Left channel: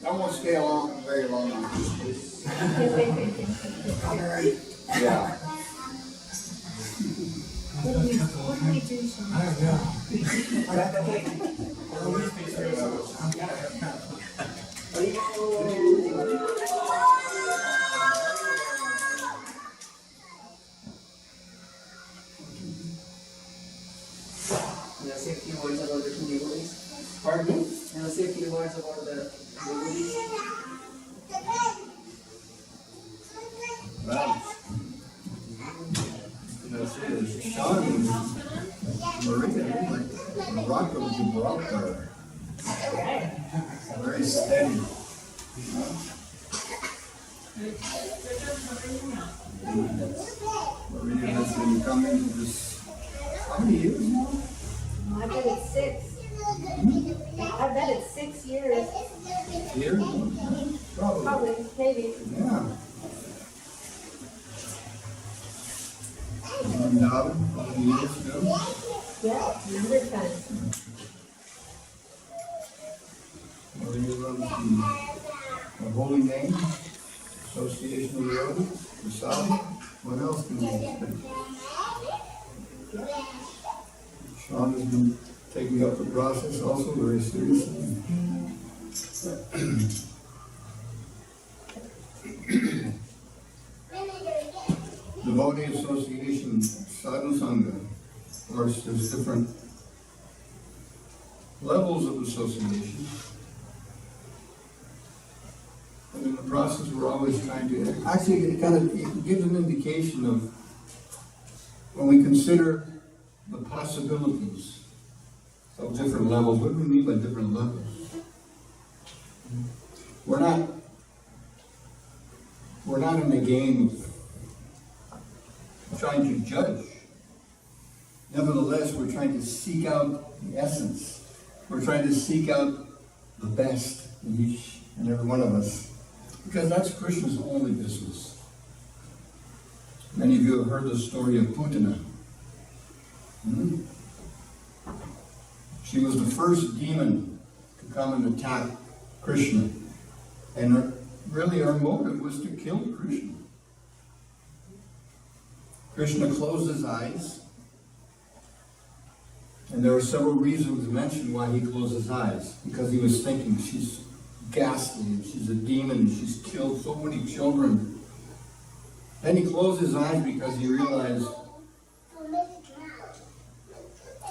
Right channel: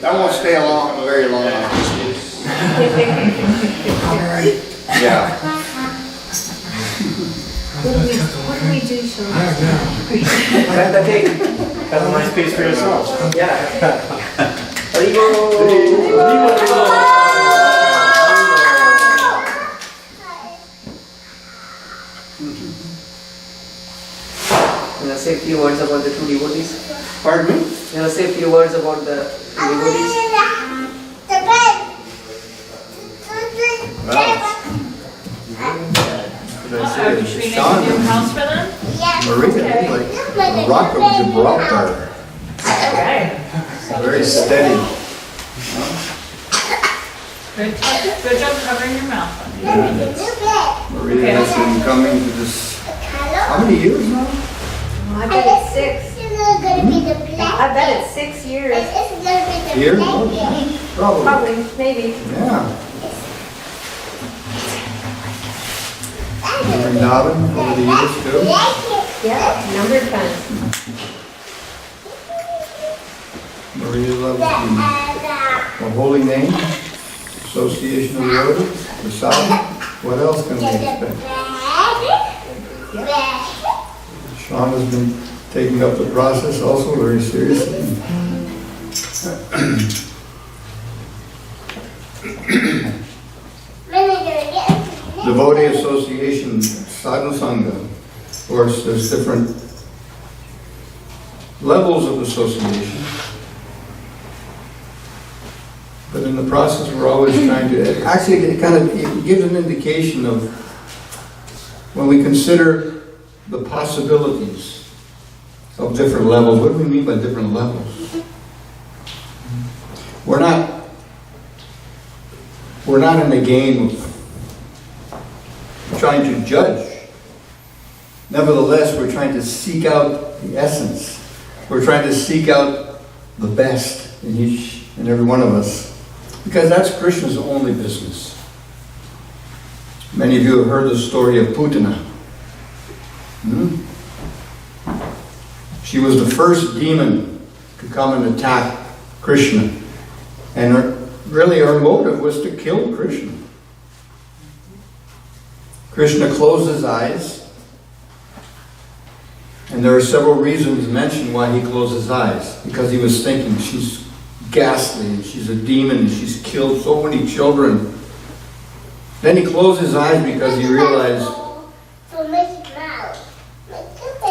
That won't stay along very long. Yeah. What do we do, Sean? Cut the cake. Have a nice piece for yourself. Yeah. Can I say a few words about the two devotees? Pardon me? Can I say a few words about the two devotees? Are we treating Sean. a new house for them? Maria, like the rock of Gibraltar. Okay. Very steady. Good job covering your mouth. Honey. Maria has been coming to this, how many years now? I bet it's 6. I bet it's 6 years. Years? Probably. Probably, maybe. Yeah. Vrindavan over the years too. Yeah, number of times. Maria loves the holy name, association of devotees, prasad. What else can we expect? Sean has been taking up the process also very seriously. Devotee Association, Sadhu Sangha. Of course, there's different levels of association. But in the process, we're always trying to, actually, it gives an indication of when we consider the possibilities of different levels. What do we mean by different levels? We're not in the game of trying to judge. Nevertheless, we're trying to seek out the essence. We're trying to seek out the best in each and every one of us. Because that's Krishna's only business. Many of you have heard the story of Putana. She was the first demon to come and attack Krishna. And her motive was to kill Krishna. Krishna closed his eyes. And there are several reasons mentioned why he closed his eyes. Because he was thinking, she's ghastly, she's a demon, she's killed so many children. Then he closed his eyes because he realized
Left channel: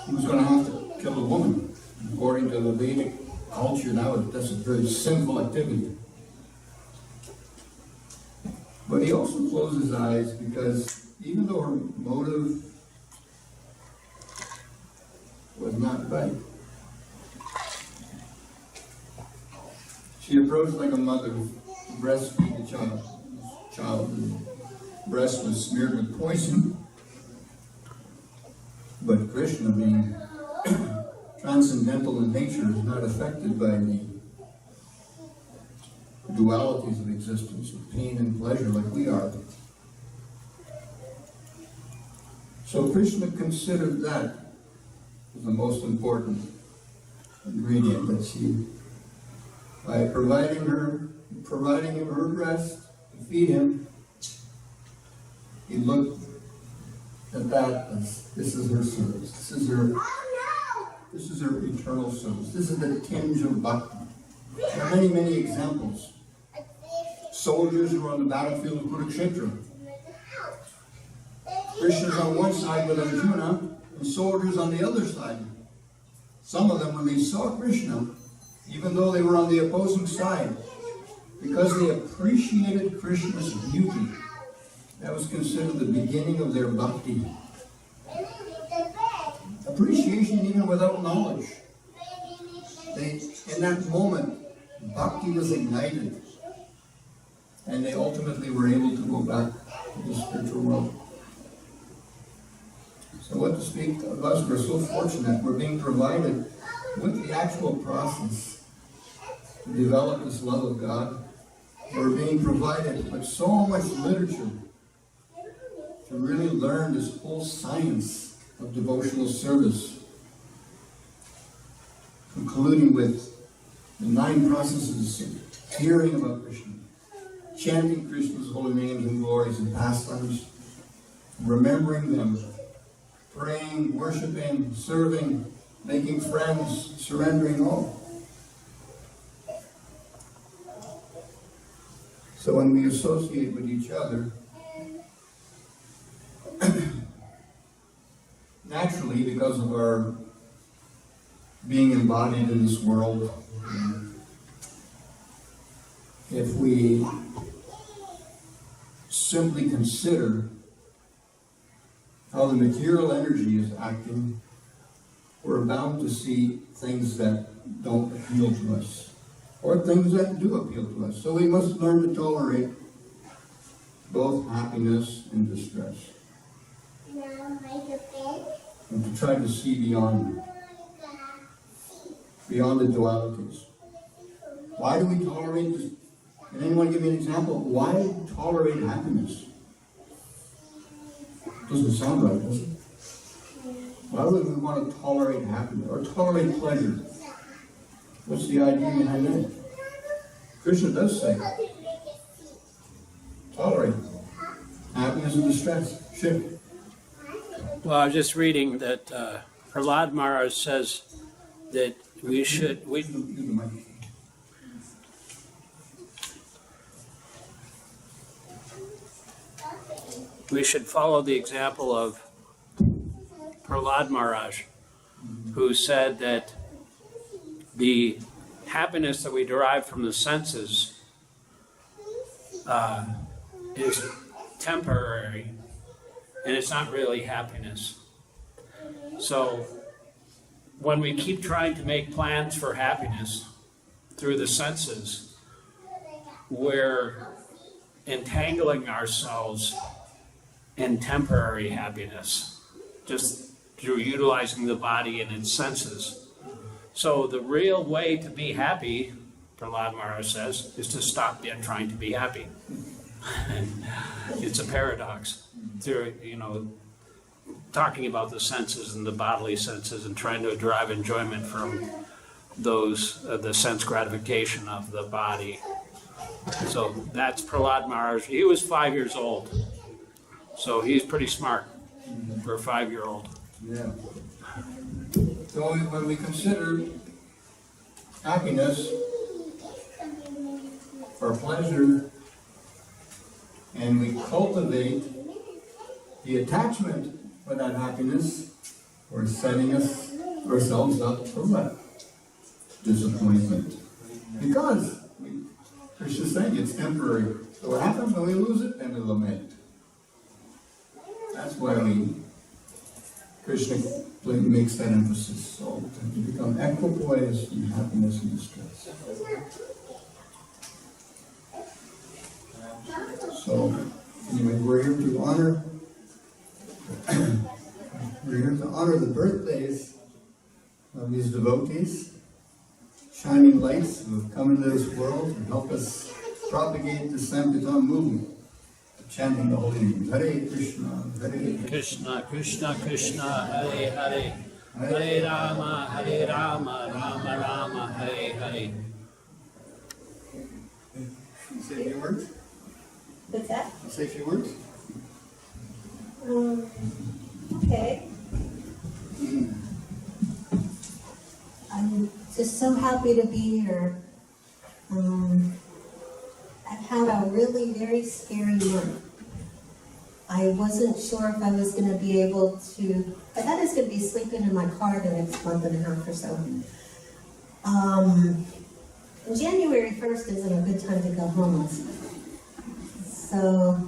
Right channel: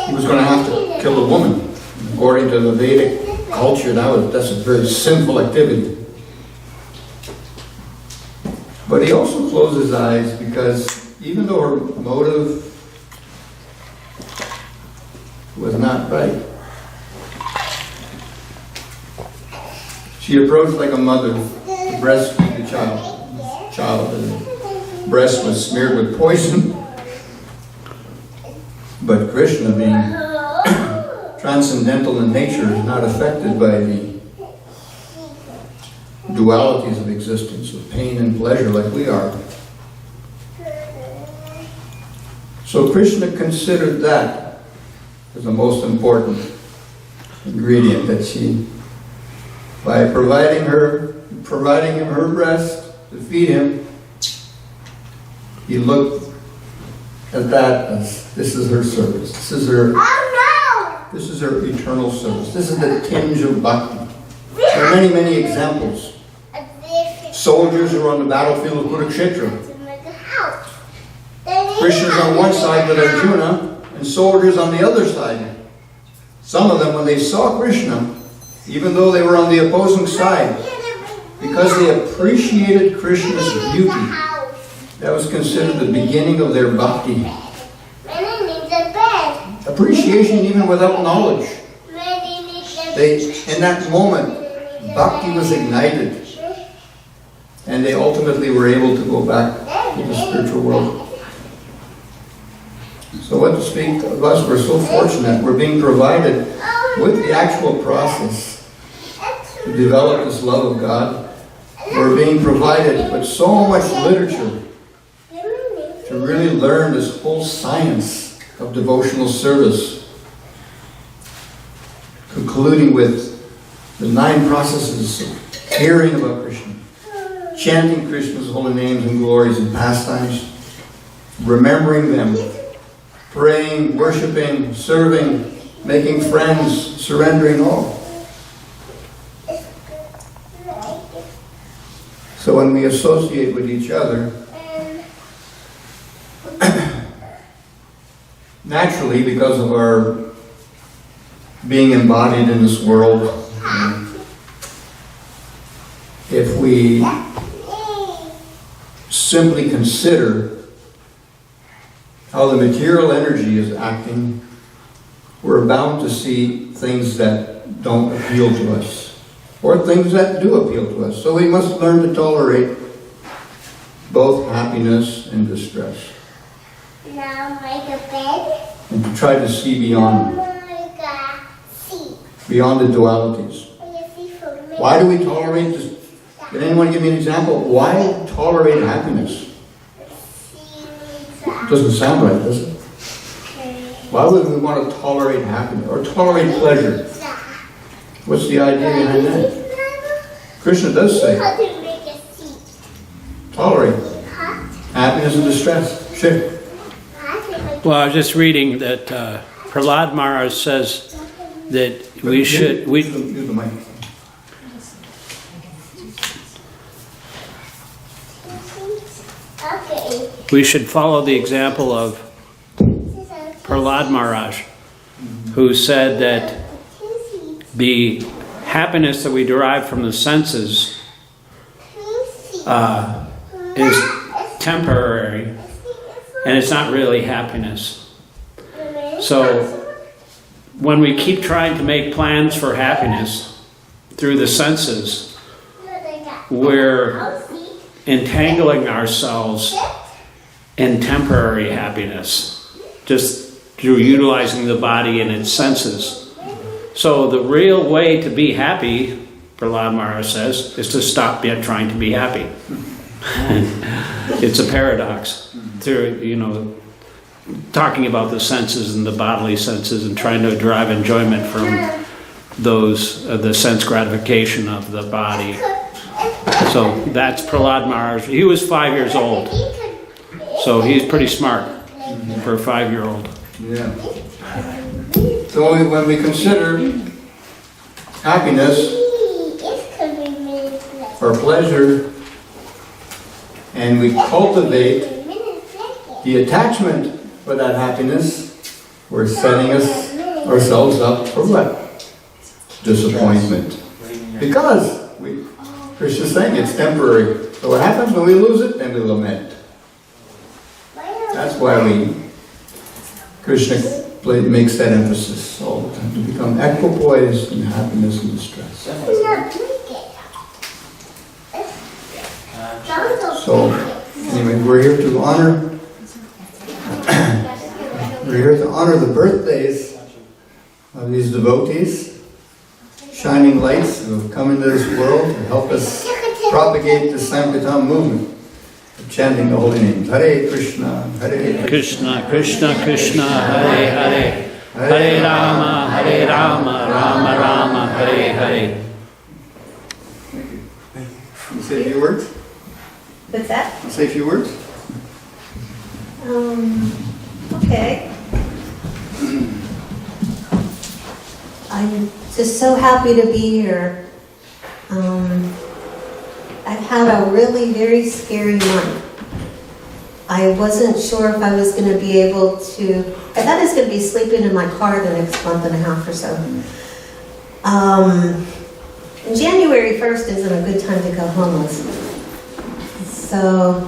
he was going to have to kill a woman. According to the Vedic culture, that's a very sinful activity. But he also closed his eyes because even though her motive was not right, she approached like a mother to breastfeed the child. The breast was smeared with poison. But Krishna, being transcendental in nature, is not affected by the dualities of existence, of pain and pleasure like we are. So Krishna considered that as the most important ingredient, that she, by providing him her breast to feed him, he looked at that as this is her service. This is her eternal service. This is the tinge of bhakti. There are many, many examples. Soldiers who are on the battlefield of Kurukshetra. Krishna's on one side with Arjuna, and soldiers on the other side. Some of them, when they saw Krishna, even though they were on the opposing side, because they appreciated Krishna's beauty, that was considered the beginning of their bhakti. Appreciation even without knowledge. In that moment, bhakti was ignited. And they ultimately were able to go back to the spiritual world. So what to speak of us, we're so fortunate. We're being provided with the actual process to develop this love of God. We're being provided with so much literature to really learn this whole science of devotional service. concluding with the 9 processes of hearing about Krishna, chanting Krishna's holy names and glories and pastimes, remembering them, praying, worshiping, serving, making friends, surrendering all. So when we associate with each other, naturally, because of our being embodied in this world, if we simply consider how the material energy is acting, we're bound to see things that don't appeal to us, or things that do appeal to us. So we must learn to tolerate both happiness and distress, Now make a bed. and to try to see beyond the dualities. Why do we tolerate this? Can anyone give me an example? Why tolerate happiness? Doesn't sound right, does it? Why would we want to tolerate happiness or tolerate pleasure? What's the idea behind that? Krishna does say, tolerate happiness and distress. Sure. Well, I was just reading that Prahlad Maharaj says that we should, Use the mic. Okay. we should follow the example of Prahlad Maharaj, who said that the happiness that we derive from the senses is temporary, and it's not really happiness. So when we keep trying to make plans for happiness through the senses, we're entangling ourselves in temporary happiness, just through utilizing the body and its senses. So the real way to be happy, Prahlad Maharaj says, is to stop trying to be happy. It's a paradox. Through, talking about the senses and the bodily senses and trying to derive enjoyment from those, the sense gratification of the body. So that's Prahlad Maharaj. He was 5 years old, so he's pretty smart for a 5-year-old. Yeah. So when we consider happiness or pleasure, and we cultivate the attachment for that happiness, we're setting ourselves up for what? Disappointment. Because Krishna's saying it's temporary. So what happens when we lose it? Then we lament. That's why Krishna makes that emphasis all the time, to become equipoised in happiness and distress. So, anyway, we're here to honor the birthdays of these devotees, shining lights who have come into this world to help us propagate the Sankirtan movement of chanting the holy names. Hare Krishna, Hare Krishna, Krishna, Krishna, Hare Hare, Hare Rama, Hare Rama, Rama Rama, Hare Hare. You say a few words? What's that? I'll say a few words. Okay. I'm just so happy to be here. I've had a really very scary month. I wasn't sure if I was going to be able to, I thought I was going to be sleeping in my car the next month and a half or so. January 1st isn't a good time to go homeless. So,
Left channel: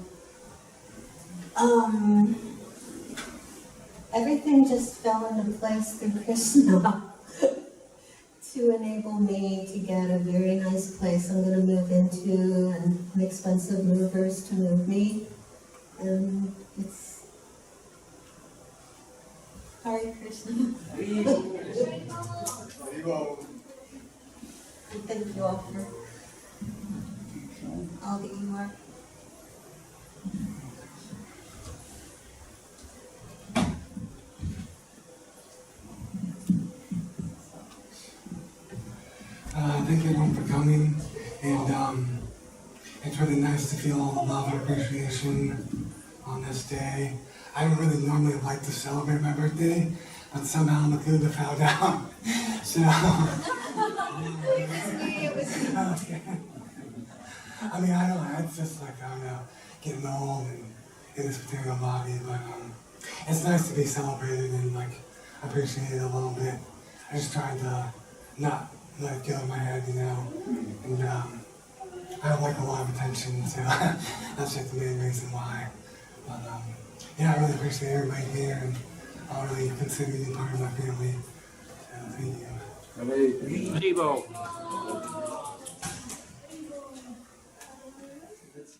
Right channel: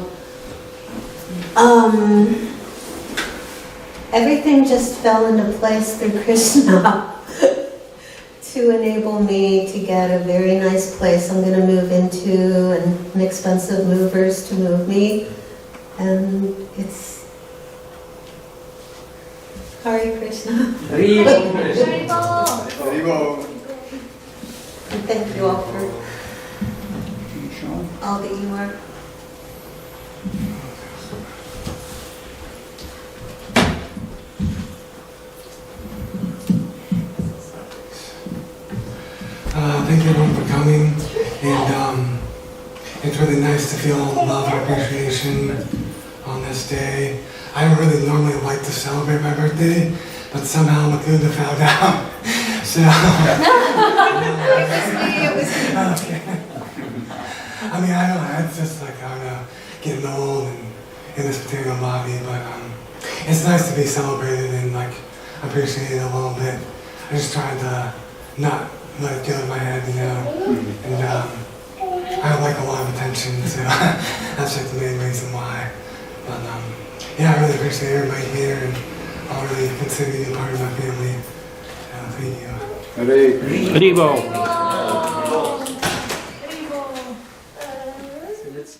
everything just fell into place through Krishna to enable me to get a very nice place I'm going to move into and inexpensive movers to move me. And it's Hare Krishna. And thank you all for all that you are. Thank you everyone for coming, and it's really nice to feel love and appreciation on this day. I don't really normally like to celebrate my birthday, but somehow Makunda found out. So, okay. I mean, I don't know, it's just like, I don't know, getting old and in this particular body, but it's nice to be celebrated and like appreciated a little bit. I just tried to not let it go in my head, you know, and I don't like a lot of attention, so that's like the main reason why. But yeah, I really appreciate everybody here, and I'll really consider you part of my family. So thank you. Haribo.